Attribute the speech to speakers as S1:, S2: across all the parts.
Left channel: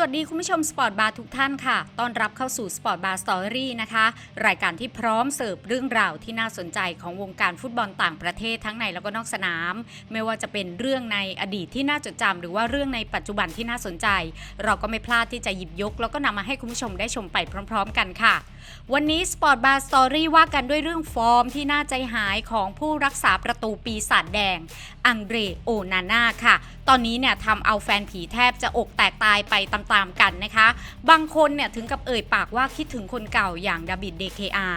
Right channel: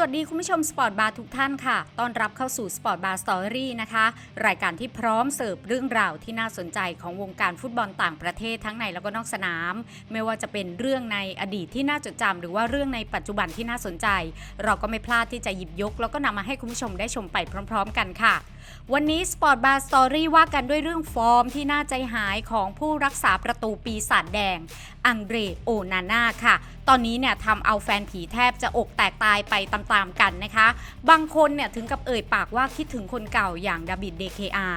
S1: วัสดีคุณผู้ชมสปอร์ตบาร์ทุกท่านค่ะ ต้อนรับเข้าสู่สปอร์ตบาร์สตอรี่นะคะ รายการที่พร้อมเสิร์ฟเรื่องราวที่น่าสนใจของวงการฟุตบอลต่างประเทศทั้งในแล้วก็นอกสนาม ไม่ว่าจะเป็นเรื่องในอดีตที่น่าจดจำหรือว่าเรื่องในปัจจุบันที่น่าสนใจ เราก็ไม่พลาดที่จะหยิบยก แล้วก็นำมาให้คุณผู้ชมได้ชมไปพร้อม ๆ กันค่ะวันนี้สปอร์ตบาร์สตอรี่ว่ากันด้วยเรื่องฟอร์มที่น่าใจหายของผู้รักษาประตูปีศาจแดง อังเดรโอนาน่าค่ะ ตอนนี้เนี่ยทำเอาแฟนผีแทบจะอกแตกตายไปตามๆกันนะคะ บางคนเนี่ยถึงกับเอ่ยปากว่าคิดถึงคนเก่าอย่างดาบิดเดเคอา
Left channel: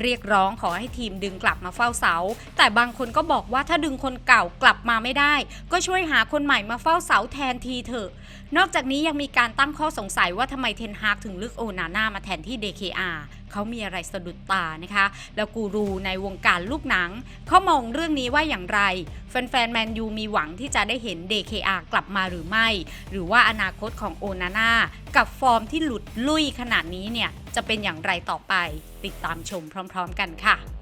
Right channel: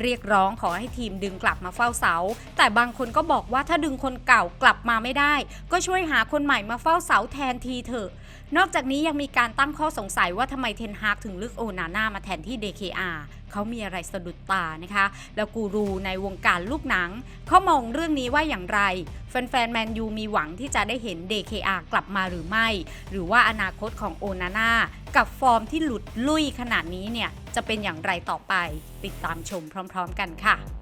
S1: เรียกร้องขอให้ทีมดึงกลับมาเฝ้าเสา แต่บางคนก็บอกว่าถ้าดึงคนเก่ากลับมาไม่ได้ ก็ช่วยหาคนใหม่มาเฝ้าเสาแทนทีเถอะ นอกจากนี้ยังมีการตั้งข้อสงสัยว่าทำไมเทนฮากถึงเลือกโอนาน่ามาแทนที่ DKR เขามีอะไรสะดุดตานะคะ แล้วกูรูในวงการลูกหนัง เขามองเรื่องนี้ว่าอย่างไร แฟนๆแมนยูมีหวังที่จะได้เห็น DKR กลับมาหรือไม่ หรือว่าอนาคตของโอนาน่ากับฟอร์มที่หลุดลุยขนาดนี้เนี่ย จะเป็นอย่างไรต่อไป ติดตามชมพร้อม ๆ กันค่ะ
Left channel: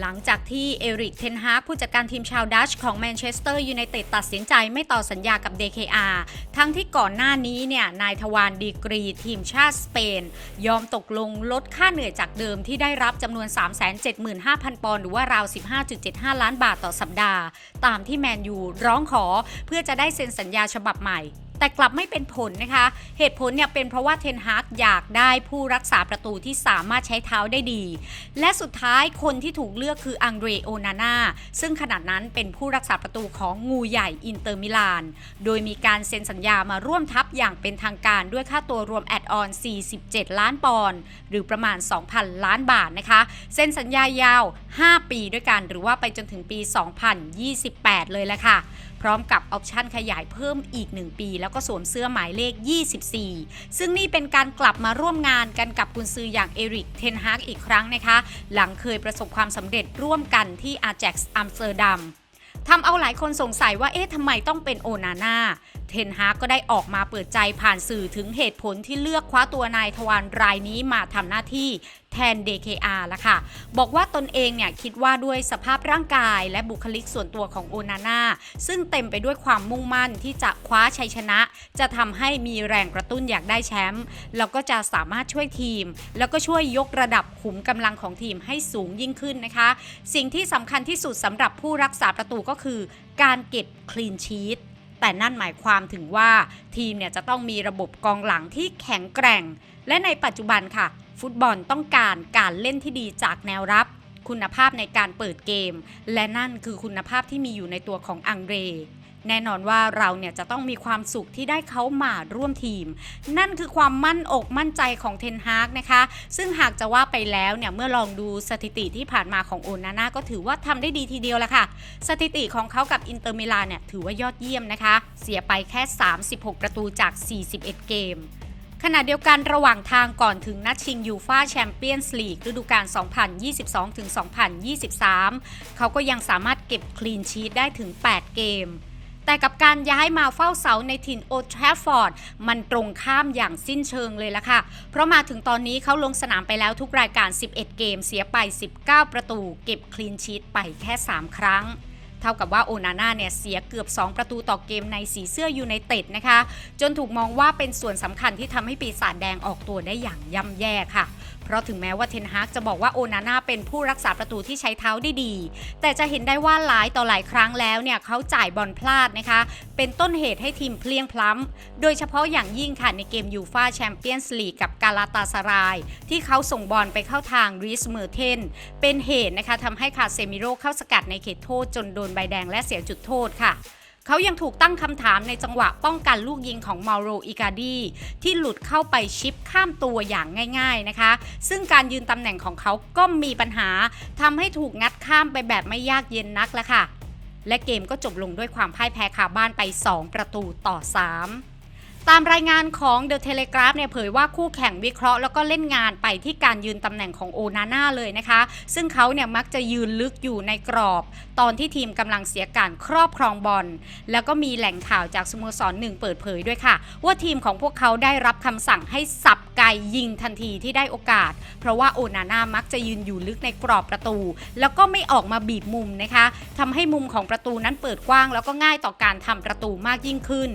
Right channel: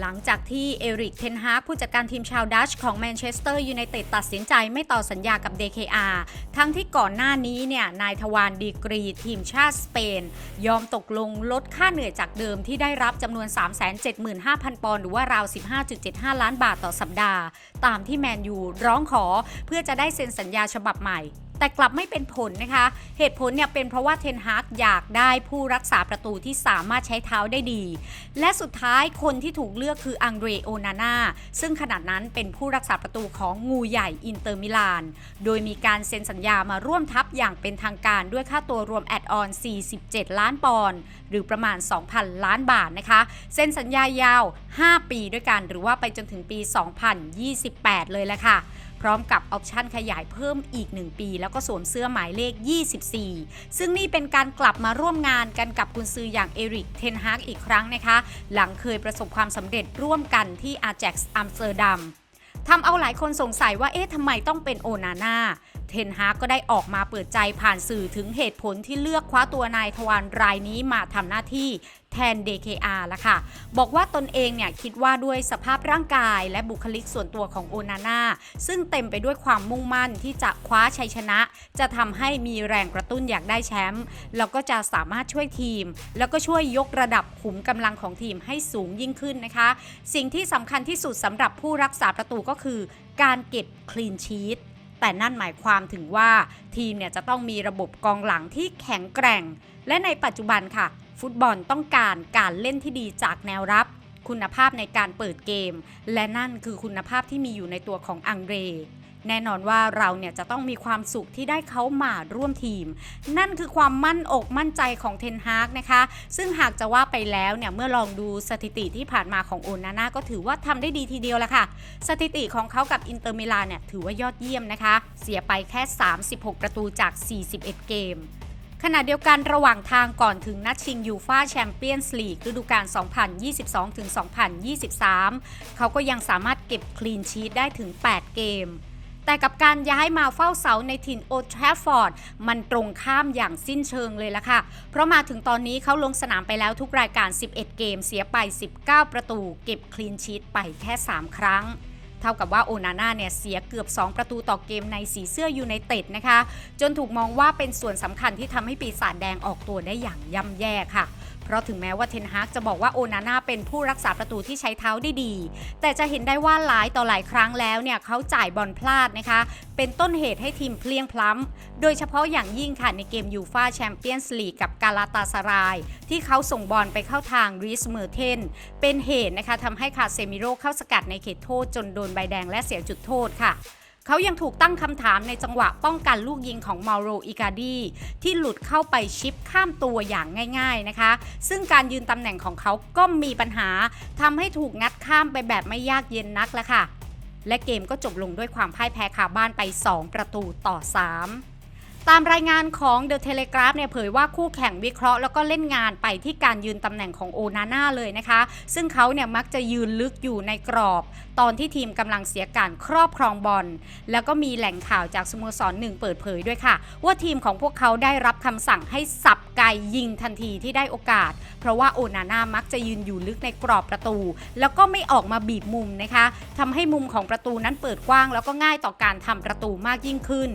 S1: หลังจากที่เอริกเทนฮาผู้จัดการทีมชาวดัชของแมนเชสเตอร์ยูไนเต็ดตัดสินใจไม่ต่อสัญญากับ DKR ทั้งที่ก่อนหน้านี้เนี่ยนายทวารดีกรีทีมชาติสเปน ยอมตกลงลดค่าเหนื่อยจากเดิมที่ได้รับจำนวน 375,000 ปอนด์หรือว่าราว 15.75 ล้านบาทต่อสัปดาห์ ตามที่แมนยูร้องขอเพื่อจะได้เซ็นสัญญาฉบับใหม่ แต่กลับไม่เป็นผลนะคะ เหตุผลเนี่ยเป็นเพราะว่าเทนฮากอยากได้ผู้รักษาประตูที่สามารถใช้เท้าได้ดี และสุดท้ายคนที่ถูกเลือกคืออังเดรโอนาน่าซึ่งขณะนั้นเป็นผู้รักษาประตูของงูใหญ่อินเตอร์มิลาน โดยมีการเซ็นสัญญามาร่วมทัพอย่างเป็นทางการด้วยค่าตัวรวมแอดออน 47 ล้านปอนด์หรือประมาณ 2,000 ล้านบาทนะคะ เซ็นสัญญายาว 5 ปีด้วยกันหรือว่าไปจนถึงปี 2028 เลยแหละค่ะพร้อมกับออปชั่นขยายเพิ่มอีก 1 ปี แล้วก็สวมเสื้อหมายเลข 24 ซึ่งนี่เป็นการกลับมาร่วมงานกันกับกุนซืออย่างเอริกเทนฮากอีกครั้งนะคะ หลังเคยประสบความสำเร็จร่วมกันที่อาแจ็กซ์อัมสเตอร์ดัมทำเอาหลายคนสงสัยว่าเอ๊ะทำไมต้องเป็นโอนาน่า เทนฮากก็ได้ออกมาเปิดใจผ่านสื่อถึงเหตุผลที่เลือกคว้าตัวนายทวารรายนี้มาทำหน้าที่แทน DKR ละค่ะ บอกว่าตนเองเนี่ยคิดว่าด้วยสภาพร่างกายและบุคลิกส่วนตัวของโอนาน่าซึ่งเต็มไปด้วยความมุ่งมั่นที่จะคว้าชัยชนะ จะทำให้มีแรงกระตุ้นอยากได้แชมป์แล้วก็จะสามารถช่วยทีม แล้วก็ช่วยยกระดับขุมกำลังของทีมให้สูงยิ่งขึ้นนะคะ สิ่งที่สำคัญที่สุดสำหรับผู้รักษาประตูก็คือ การเก็บคลีนชีต แต่นั่นหมายความถึงว่าทีมเนี่ยจะต้องมีระบบกองหลังที่แข็งแกร่ง และในปัจจุบันค่ะ ฟุตบอลต้องการการเล่นที่ดีจากแนวรับ คุณภาพในการเปิดเกม และนั่นคือคุณภาพที่มีอยู่ในตัวของอังเดร แน่นอนว่าเราเนี่ยจะต้องมีความสุขที่ได้เขามาร่วมทีม นั่นคือความมั่นอกมั่นใจของเทนฮากนะคะ ซึ่งหากจะว่าไปแล้วเนี่ยเมื่อลองดูสถิติที่ผ่านมาของโอนาน่าก็ถือว่าทำได้ดีทีเดียวแหละค่ะ สถิติของเขากับอินเตอร์มิลานเนี่ยถือว่ายอดเยี่ยมนะคะ เสียไปแค่ 36 ประตูจาก 41 เกมขณะเดียวกันระหว่างทางก่อนถึงนัดชิงยูฟาแชมเปี้ยนส์ลีกฤดูกาล 2022-2023 เขาก็ยังสามารถเก็บคลีนชีตได้ถึง 8 เกม แต่กับการย้ายมาเฝ้าเสาในถิ่นโอทราฟฟอร์ดมันตรงข้ามอย่างสิ้นเชิงเลยละค่ะ เพราะมาถึงตอนนี้เขาลงสนามไปแล้วทุกรายการ 11 เกมเสียไป 19 ประตู เก็บคลีนชีตไปแค่ 3 ครั้งเท่ากับว่าโอนาน่าเนี่ยเสียเกือบ 2 ประตูต่อเกมในสีเสื้อยูไนเต็ดนะคะ จนถูกมองว่าเป็นส่วนสำคัญที่ทำให้ปีศาจแดงออกตัวได้อย่างย่ำแย่ค่ะ เพราะถึงแม้ว่าเทนฮากจะบอกว่าโอนาน่าเป็นผู้รักษาประตูที่ใช้เท้าได้ดี แต่จะเห็นได้ว่าหลายต่อหลายครั้งแล้วเนี่ยเขาจ่ายบอลพลาดนะคะ เป็นต้นเหตุให้ทีมเพลียงพล้ำ โดยเฉพาะอย่างยิ่งค่ะในเกมยูฟาแชมเปี้ยนส์ลีกกับกาลาตาสาราย ที่เขาส่งบอลไปเข้าทางริสเมอร์เทนเป็นเหตุนะคะทำให้คาเซมิโรเข้าสกัดในเขตโทษจนโดนใบแดงและเสียจุดโทษค่ะ เขายังถูกตั้งคำถามในจังหวะป้องกันลูกยิงของมาโรอิกาดีที่หลุดเข้าไปชิปข้ามตัวอย่างง่าย ๆนะคะ ซึ่งการยืนตำแหน่งของเขาก็มีปัญหาทำให้ถูกงัดข้ามไปแบบไม่ยากเย็นนักละค่ะ และเกมก็จบลงด้วยความพ่ายแพ้คาบ้านไป 2 ประตูต่อ 3 ตามรายงานของ The Telegraph เนี่ยเผยว่าคู่แข่งวิเคราะห์แล้วก็เล่นงานไปที่การยืนตำแหน่งของโอนาน่าเลยนะคะ ซึ่งเขาเนี่ยมักจะยืนลึกอยู่ในกรอบ ตอนที่ทีมกำลังเสียการครอบครองบอลแล้วก็มีแหล่งข่าวจากสโมสรหนึ่งเปิดเผยด้วยค่ะ ว่าทีมของพวกเขาได้รับคำสั่งให้สับไกยิงทันทีที่ได้โอกาส เพราะว่าโอนาน่ามักจะยืนอยู่ลึกในกรอบประตู แล้วก็ไม่ออกมาบีบมุมนะคะทำให้มุมของประตูนั้นเปิดกว้าง แล้วก็ง่ายต่อการทำประตูมากยิ่งขึ้น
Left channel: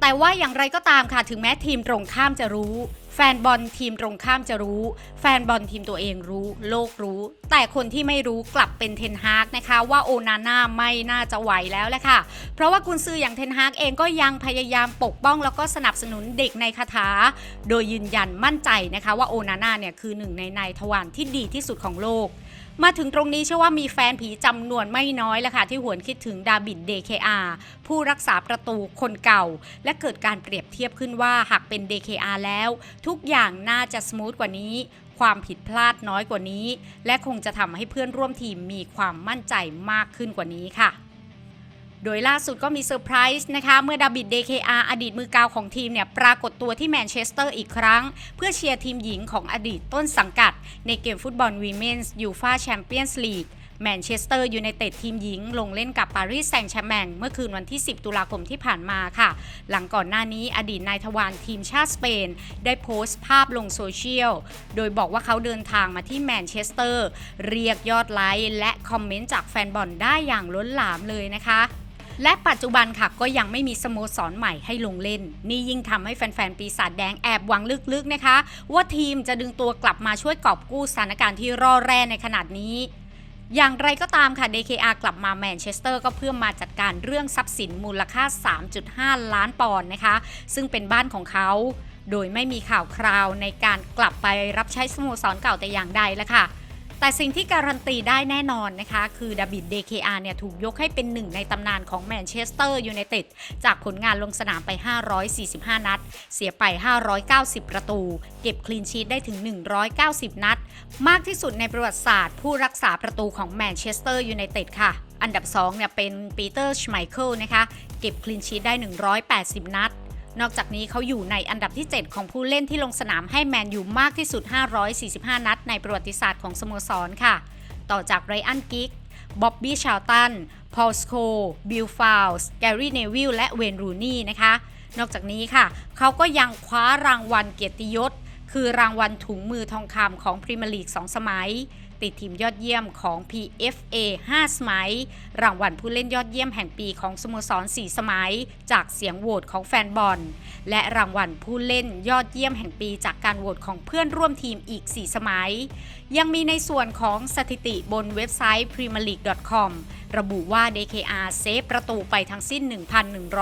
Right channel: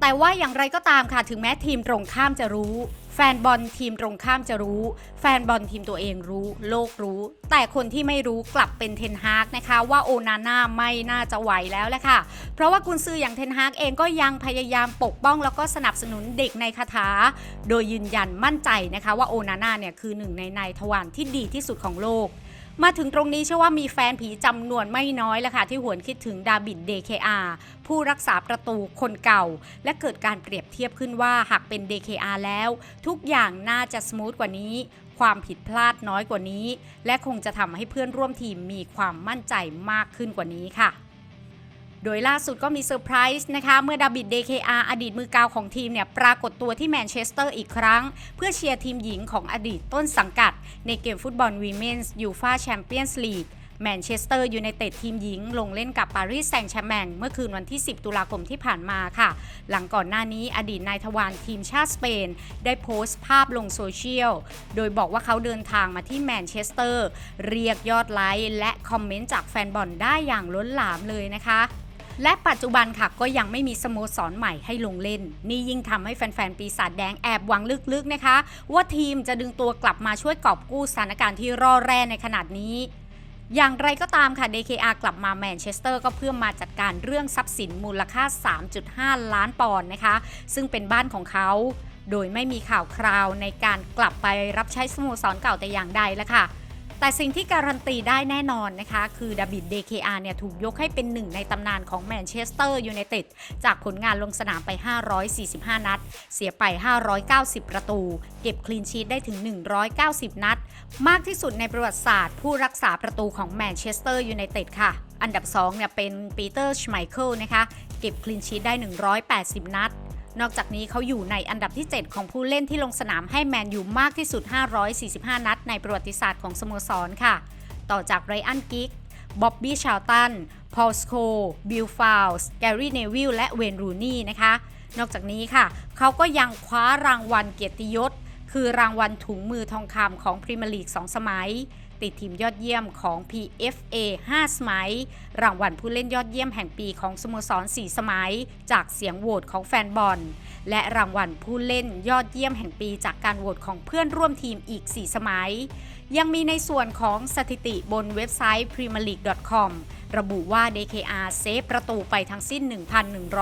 S1: แต่ว่าอย่างไรก็ตามค่ะถึงแม้ทีมตรงข้ามจะรู้ แฟนบอลทีมตรงข้ามจะรู้ แฟนบอลทีมตัวเองรู้ โลกรู้ แต่คนที่ไม่รู้กลับเป็นเทนฮากนะคะ ว่าโอนาน่าไม่น่าจะไหวแล้วแหละค่ะ เพราะว่ากุนซืออย่างเทนฮากเองก็ยังพยายามปกป้องแล้วก็สนับสนุนเด็กในคาถา โดยยืนยันมั่นใจนะคะว่าโอนาน่าเนี่ยคือหนึ่งในนายทวารที่ดีที่สุดของโลก มาถึงตรงนี้เชื่อว่ามีแฟนผีจำนวนไม่น้อยแล้วค่ะที่หวนคิดถึงดาบิดเดเคอาผู้รักษาประตูคนเก่า และเกิดการเปรียบเทียบขึ้นว่าหากเป็น DKR แล้ว ทุกอย่างน่าจะสมูทกว่านี้ ความผิดพลาดน้อยกว่านี้ และคงจะทำให้เพื่อนร่วมทีมมีความมั่นใจมากขึ้นกว่านี้ค่ะ โดยล่าสุดก็มีเซอร์ไพรส์นะคะ เมื่อดาบิด DKR อดีตมือกาวของทีมเนี่ยปรากฏตัวที่แมนเชสเตอร์อีกครั้ง เพื่อเชียร์ทีมหญิงของอดีตต้นสังกัด ในเกมฟุตบอลวีเมนส์ยูฟาแชมเปี้ยนส์ลีกแมนเชสเตอร์ยูไนเต็ดทีมหญิง ลงเล่นกับปารีสแซงต์แชร์แมงเมื่อคืนวันที่ 10 ตุลาคมที่ผ่านมาค่ะ หลังก่อนหน้านี้อดีตนายทวารทีมชาติสเปน ได้โพสต์ภาพลงโซเชียล โดยบอกว่าเขาเดินทางมาที่แมนเชสเตอร์ เรียกยอดไลค์และคอมเมนต์จากแฟนบอลได้อย่างล้นหลามเลยนะคะ และปัจจุบันค่ะก็ยังไม่มีสโมสรใหม่ให้ลงเล่น นี่ยิ่งทำให้แฟนๆ ปีศาจแดงแอบหวังลึกๆนะคะ ว่าทีมจะดึงตัวกลับมาช่วยกอบกู้สถานการณ์ที่ร่อแร่ในขนาดนี้อย่างไรก็ตามค่ะ DKR กลับมาแมนเชสเตอร์ก็เพื่อมาจัดการเรื่องทรัพย์สินมูลค่า 3.5 ล้านปอนด์นะคะ ซึ่งเป็นบ้านของเขา โดยไม่มีข่าวคราวในการกลับไปรับใช้สโมสรเก่าแต่อย่างใดแล้วค่ะ แต่สิ่งที่การันตีได้แน่นอนนะคะ คือดาบิด DKR เนี่ยถูกยกให้เป็นหนึ่งในตำนานของแมนเชสเตอร์ยูไนเต็ดจากผลงานลงสนามไป 545 นัด เสียไป 590 ประตู เก็บคลีนชีตได้ถึง 190 นัด มากที่สุดในประวัติศาสตร์ ผู้รักษาประตูของแมนเชสเตอร์ยูไนเต็ดค่ะ อันดับ2เนี่ยเป็นปีเตอร์ชไมเคิลนะคะ เก็บคลีนชีตได้ 180 นัด นอกจากนี้เขาอยู่ในอันดับที่ 7 ของผู้เล่นที่ลงสนามให้แมนยูมากที่สุด 545 นัดในประวัติศาสตร์ของสโมสรค่ะ ต่อจากไรอันกิกบ๊อบบี้ชาลตัน พอลสโค บิลฟาวส์ แกรี่เนวิลและเวนรูนี่นะคะ นอกจากนี้ค่ะ เขาก็ยังคว้ารางวัลเกียรติยศ คือรางวัลถุงมือทองคำของพรีเมียร์ลีก 2 สมัย ติดทีมยอดเยี่ยมของ PFA 5 สมัย รางวัลผู้เล่นยอดเยี่ยมแห่งปีของสโมสร 4 สมัย จากเสียงโหวตของแฟนบอล และรางวัลผู้เล่นยอดเยี่ยมแห่งปีจากการโหวตของเพื่อนร่วมทีมอีก 4 สมัย ยังมีในส่วนของสถิติบนเว็บไซต์ premierleague.com ระบุว่า DKR เซฟประตูไปทั้งสิ้น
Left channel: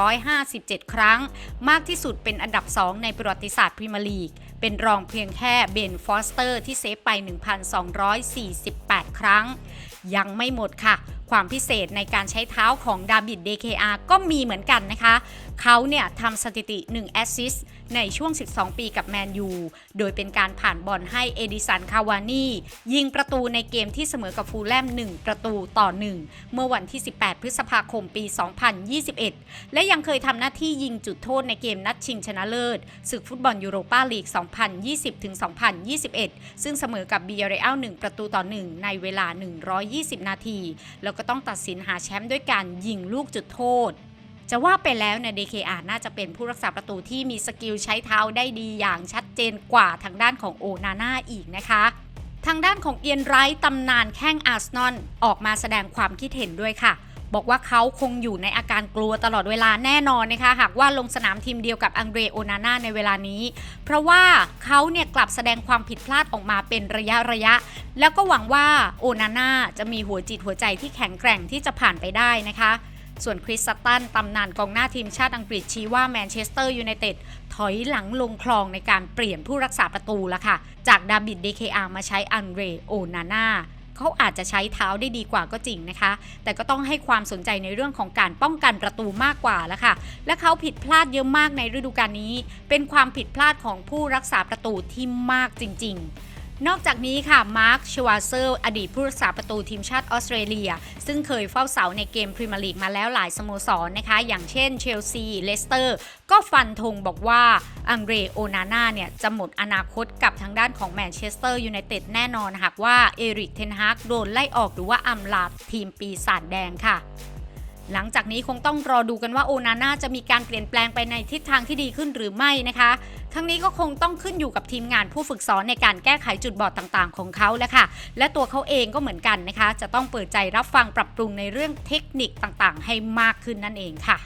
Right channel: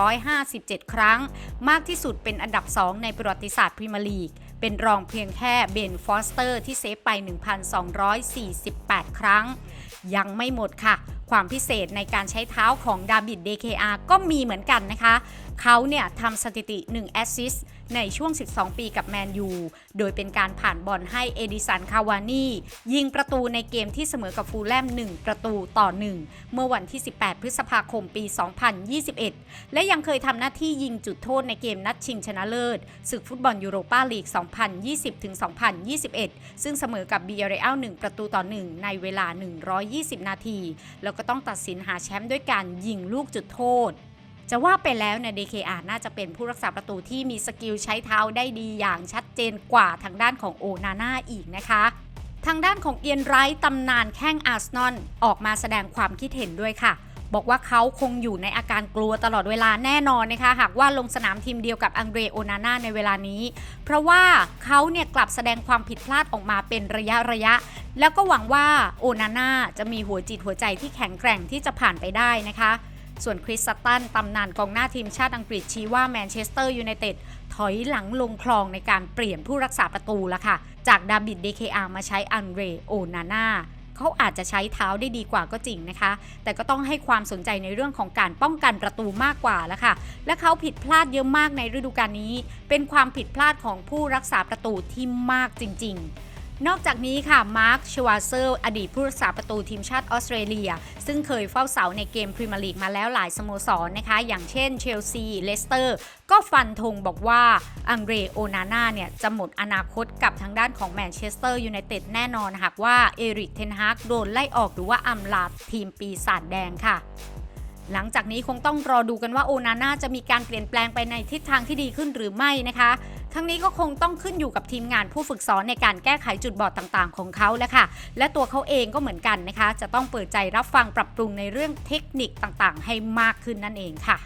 S1: 1,157 ครั้ง มากที่สุดเป็นอันดับ 2 ในประวัติศาสตร์พรีเมียร์ลีก เป็นรองเพียงแค่เบนฟอสเตอร์ที่เซฟไป 1,248 ครั้ง ยังไม่หมดค่ะ ความพิเศษในการใช้เท้าของดาบิด DKR ก็มีเหมือนกันนะคะ เขาเนี่ยทำสถิติ 1 แอสซิสต์ ในช่วง 12 ปีกับแมนยู โดยเป็นการผ่านบอลให้เอดิสันคาวานียิงประตูในเกมที่เสมอกับฟูลแลม 1 ประตูต่อ 1 เมื่อวันที่ 18 พฤษภาคมปี 2021 และยังเคยทำหน้าที่ยิงจุดโทษในเกมนัดชิงชนะเลิศศึกฟุตบอลยูโรปาลีก 2020-2021 ซึ่งเสมอกับบีเรอัล 1 ประตูต่อ 1 ในเวลา 120 นาที แล้วก็ต้องตัดสินหาแชมป์ด้วยการยิงลูกจุดโทษ จะว่าไปแล้วเนี่ย DKR น่าจะเป็นผู้รักษาประตูที่มีสกิลใช้เท้าได้ดีอย่างชัดเจนกว่าทางด้านของโอนาน่าอีกนะคะทางด้านของเอียนไรท์ตำนานแข้งอาร์เซนอลออกมาแสดงความคิดเห็นด้วยค่ะ บอกว่าเขาคงอยู่ในอาการกลัวตลอดเวลาแน่นอนนะคะ หากว่าลงสนามทีมเดียวกับอังเดรโอนาน่าในเวลานี้ เพราะว่าเขาเนี่ยกลับแสดงความผิดพลาดออกมาเป็นระยะระยะ แล้วก็หวังว่าโอนาน่าจะมีหัวจิตหัวใจที่แข็งแกร่งที่จะผ่านไปได้นะคะ ส่วนคริสซัตตันตำนานกองหน้าทีมชาติอังกฤษชี้ว่าแมนเชสเตอร์ยูไนเต็ดถอยหลังลงคลองในการเปลี่ยนผู้รักษาประตูแล้วค่ะ จากดาบิด DKR มาใช้อันเรโอนาน่าเขาอาจจะใช้เท้าได้ดีกว่าก็จริงนะคะ แต่ก็ต้องให้ความสนใจในเรื่องของการป้องกันประตูมากกว่าแล้วค่ะ และเขาผิดพลาดเยอะมากในฤดูกาลนี้ เป็นความผิดพลาดของผู้รักษาประตูที่มากจริง ๆ นอกจากนี้ค่ะมาร์คชวาเซอร์อดีตผู้รักษาประตูทีมชาติออสเตรเลีย ซึ่งเคยเฝ้าเสาในเกมพรีเมียร์ลีกมาแล้วหลายสโมสรนะคะ อย่างเช่นเชลซี เลสเตอร์ ก็ฟันธงบอกว่าอังเดรโอนาน่าเนี่ย จะหมดอนาคตกับทางด้านของแมนเชสเตอร์ยูไนเต็ดแน่นอนหากว่าเอริกเทนฮากโดนไล่ออกหรือว่าอำลาทีมปีศาจแดงค่ะ หลังจากนี้คงต้องรอดูกันว่าโอนาน่าจะมีการเปลี่ยนแปลงไปในทิศทางที่ดีขึ้นหรือไม่นะคะ ทั้งนี้ก็คงต้องขึ้นอยู่กับทีมงานผู้ฝึกสอนในการแก้ไขจุดบอดต่างๆ ของเขาแล้วค่ะ และตัวเขาเองก็เหมือนกันนะคะ จะต้องเปิดใจรับฟังปรับปรุงในเรื่องเทคนิคต่างๆ ให้มากขึ้นนั่นเองค่ะ